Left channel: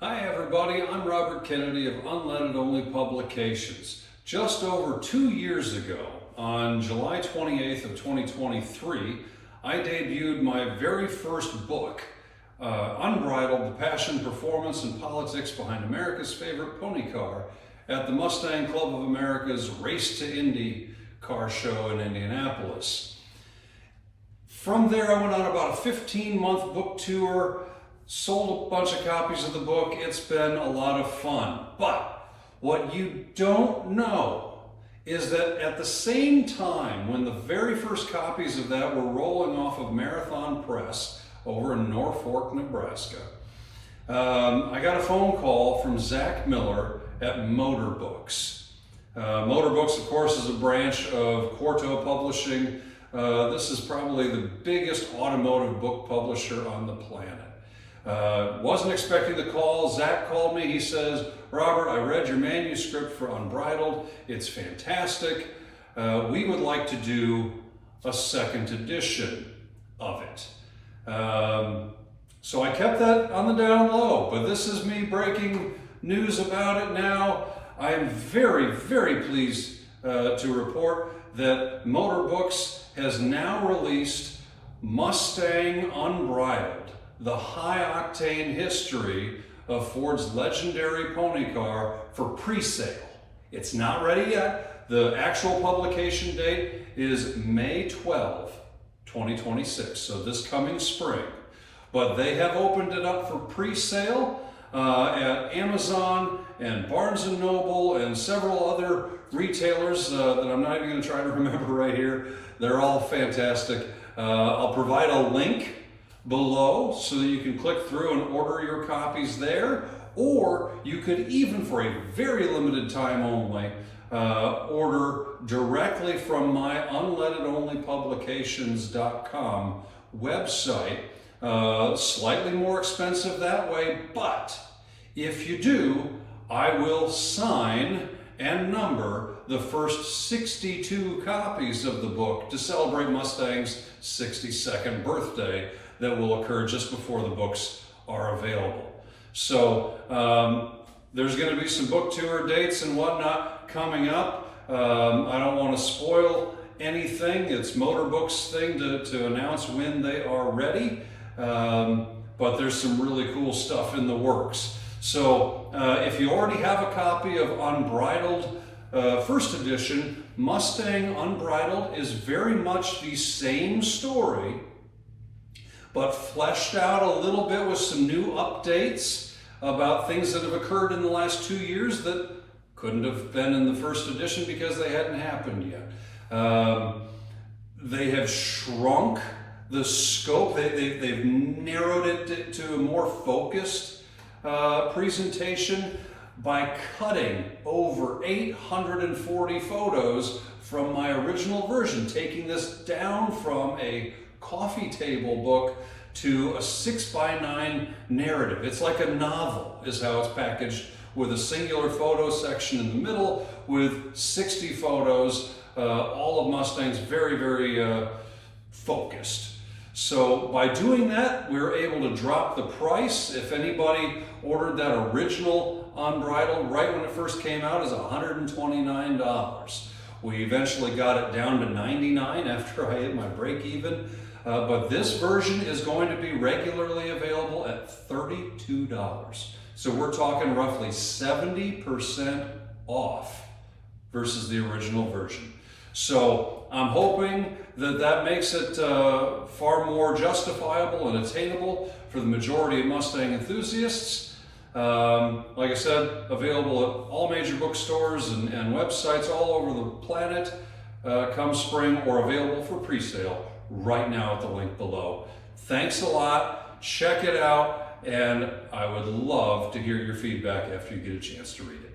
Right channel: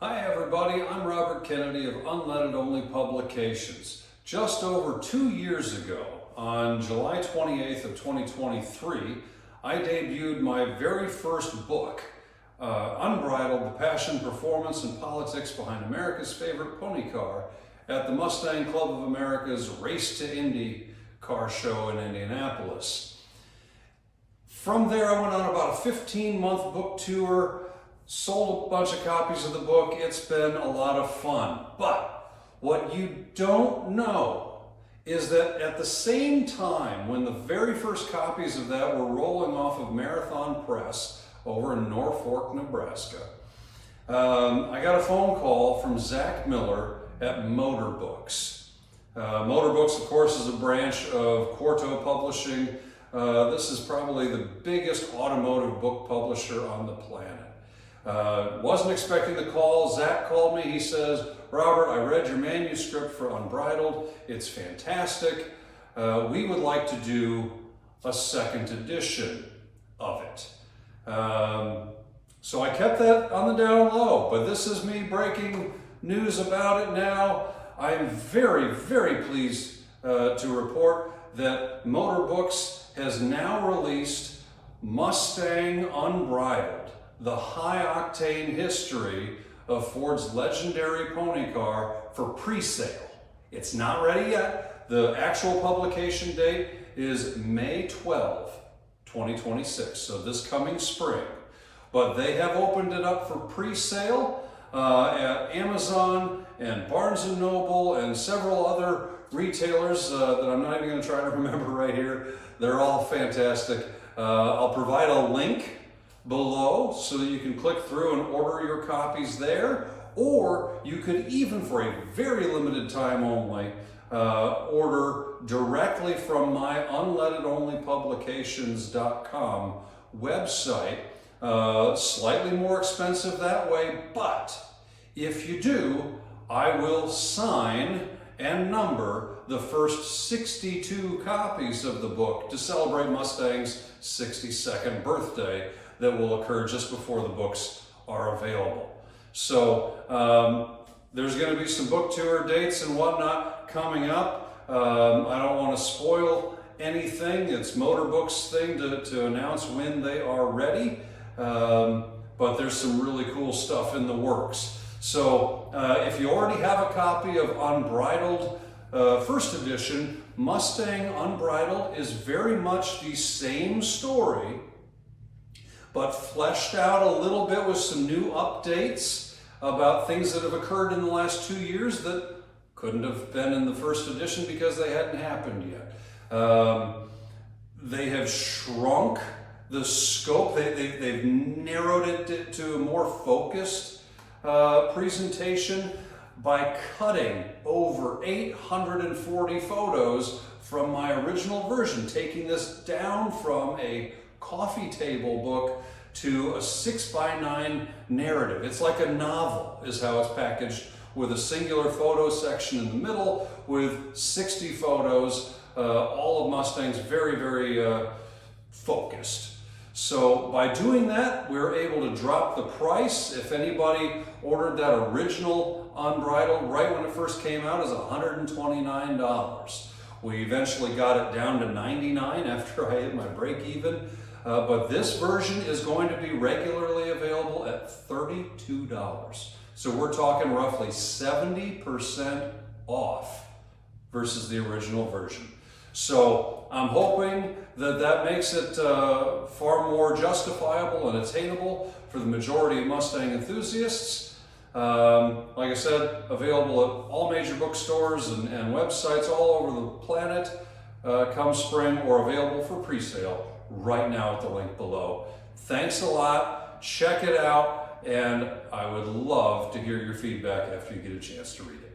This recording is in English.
Hi everybody, I'm Robert Kennedy of Unleaded Only Publications. Just over 2 years ago, on July 28th of 2023, I debuted my very first book, Unbridled, The Passion, Performance, and Politics Behind America's Favorite Pony Car, at the Mustang Club of America's Race to Indy car show in Indianapolis. From there, I went on about a 15-month book tour, sold a bunch of copies of the book. It's been a lot of fun. But what you don't know is that at the same time when the very first copies of that were rolling off of Marathon Press over in Norfolk, Nebraska, I got a phone call from Zach Miller at Motor Books. Motor Books, of course, is a branch of Quarto Publishing. This is probably the biggest automotive book publisher on the planet. Wasn't expecting the call. Zach called me. He says, "Robert, I read your manuscript for Unbridled. It's fantastic. We would like to do a second edition of it." So I kept that on the down low, but this is me breaking news about it now. I am very, very pleased to report that Motor Books has now released Mustang Unbridled, the high-octane history of Ford's legendary pony car, for pre-sale. It's not ready yet. The actual publication date is May 12, 2026, so this coming spring. But they have opened it up for pre-sale at Amazon and Barnes & Noble and several other retailers that I'm not even going to try to remember right here. They're all fantastic. I'll provide a link below so that you can click through and order your copies there, or you could even, for a very limited time only, order directly from my unleadedonlypublications.com website. Slightly more expensive that way, but if you do, I will sign and number the first 62 copies of the book to celebrate Mustang's 62nd birthday that will occur just before the books are available. So there's going to be some book tour dates and whatnot coming up. I don't want to spoil anything. It's Motor Books' thing to announce when they are ready, but there's some really cool stuff in the works. So if you already have a copy of Unbridled first edition, Mustang Unbridled is very much the same story, but fleshed out a little bit with some new updates about things that have occurred in the last 2 years that couldn't have been in the first edition because they hadn't happened yet. They have shrunk the scope. They've narrowed it to a more focused presentation by cutting over 840 photos from my original version, taking this down from a coffee table book to a 6x9 narrative. It's like a novel is how it's packaged, with a singular photo section in the middle with 60 photos, all of Mustang's very, very focused. So by doing that, we were able to drop the price. If anybody ordered that original Unbridled right when it first came out, is $129. We eventually got it down to $99 after I hit my break even. But this version is going to be regularly available at $32. So we're talking roughly 70% off versus the original version. So I'm hoping that that makes it far more justifiable and attainable for the majority of Mustang enthusiasts. Like I said, available at all major bookstores and websites all over the planet come spring, or available for pre-sale right now at the link below. Thanks a lot. Check it out, and I would love to hear your feedback after you get a chance to read it.